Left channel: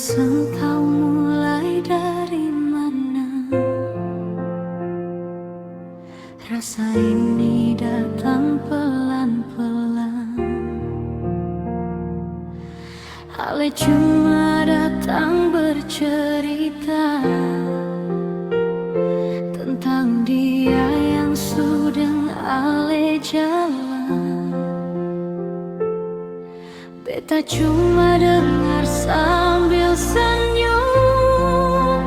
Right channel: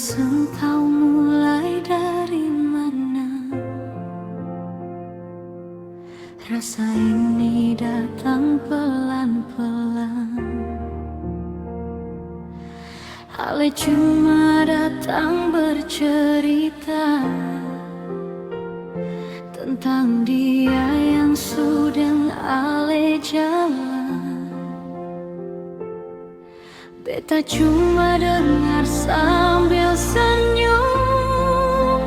engkau mulai dari mana? Rasa ini datang pelan-pelan. Ale cuma datang bercerita tentang dia yang sudah Ale jalan. Beta cuma dengar sambil senyum,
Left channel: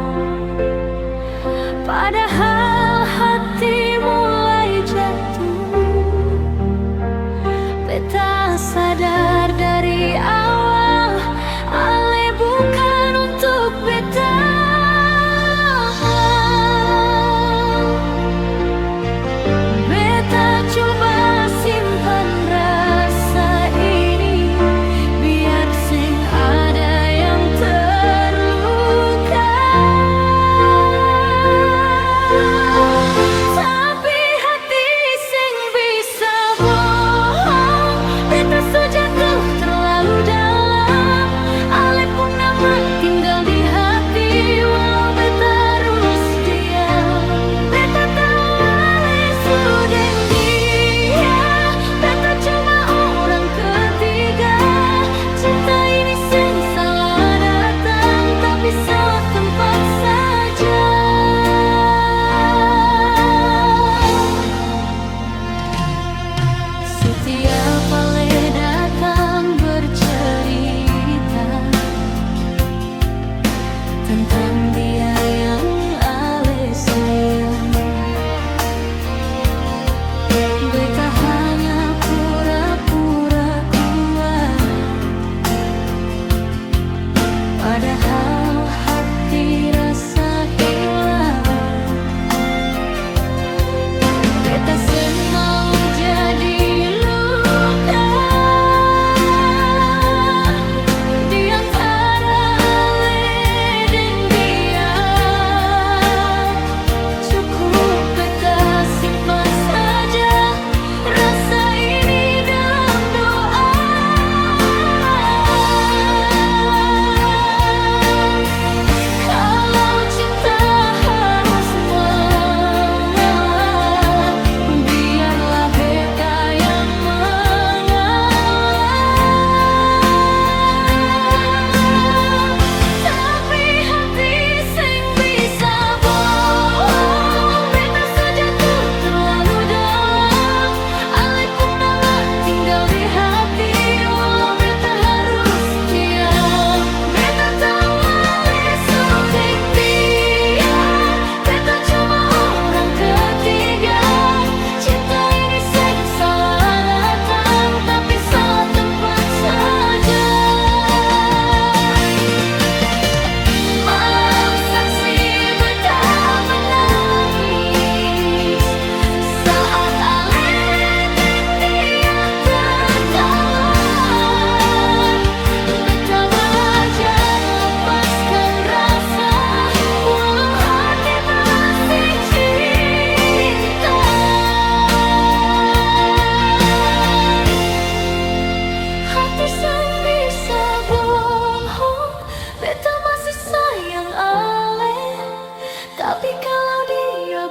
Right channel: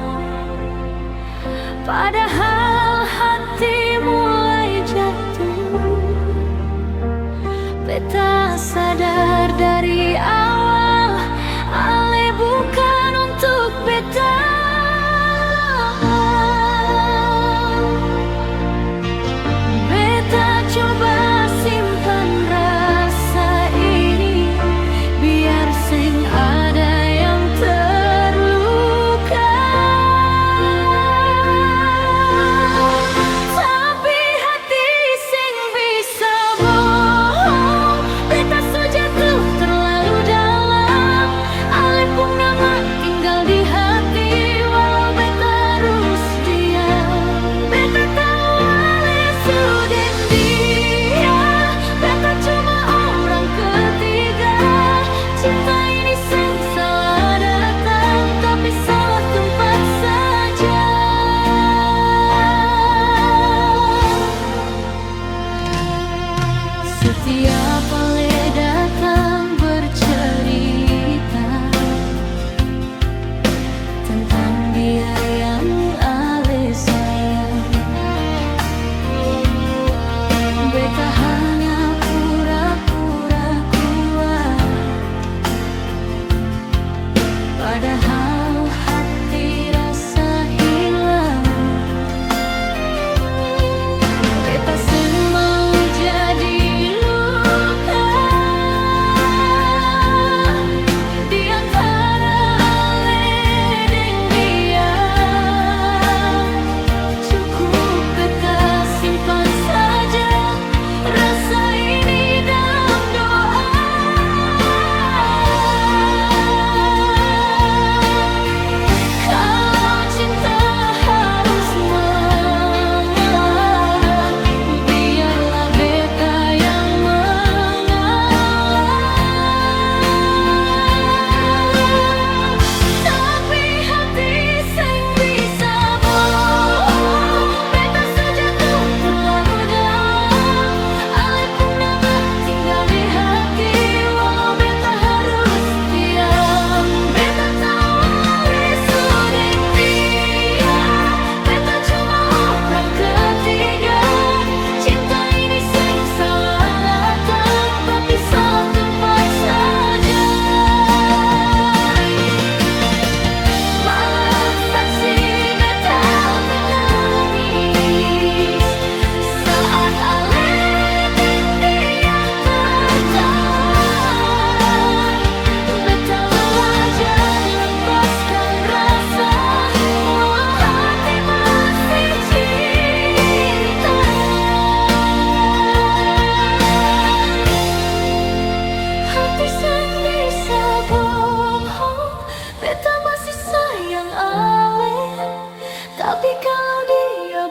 padahal hati mulai jatuh. Beta sadar dari awal Ale bukan untuk beta. Beta coba simpan rasa ini biar sing ada yang terluka. Tapi hati sing bisa bohong, beta so jatuh terlalu dalam. Ale pun nama tinggal di hati walau beta harus diam. Beta tahu Ale sudah dia, beta cuma orang ketiga. Cinta ini sing salah datang, tapi salah tempat saja. Setiap Ale datang bercerita tentang dia yang Ale sayang, beta hanya pura-pura kuat, padahal hati rasa hilang. Beta seng mau jadi luka di antara Ale deng dia. Cukup beta simpan saja rasa ini dalam doa. Kalau cinta harus mengalah, biarlah beta yang mengalah. Tapi hati sing bisa bohong, beta so jatuh terlalu dalam. Ale pun nama tinggal di hati walau beta harus diam. Beta tahu Ale sudah dia, beta cuma orang ketiga. Cinta ini sing salah datang, tapi salah tempat saja. Malam saksi beta menangis saat Ale deng dia tertawa. Beta belajar lepaskan rasa walau hati masih cinta. Hati seng bisa bohong, beta masih sayang Ale. Tapi kalau dia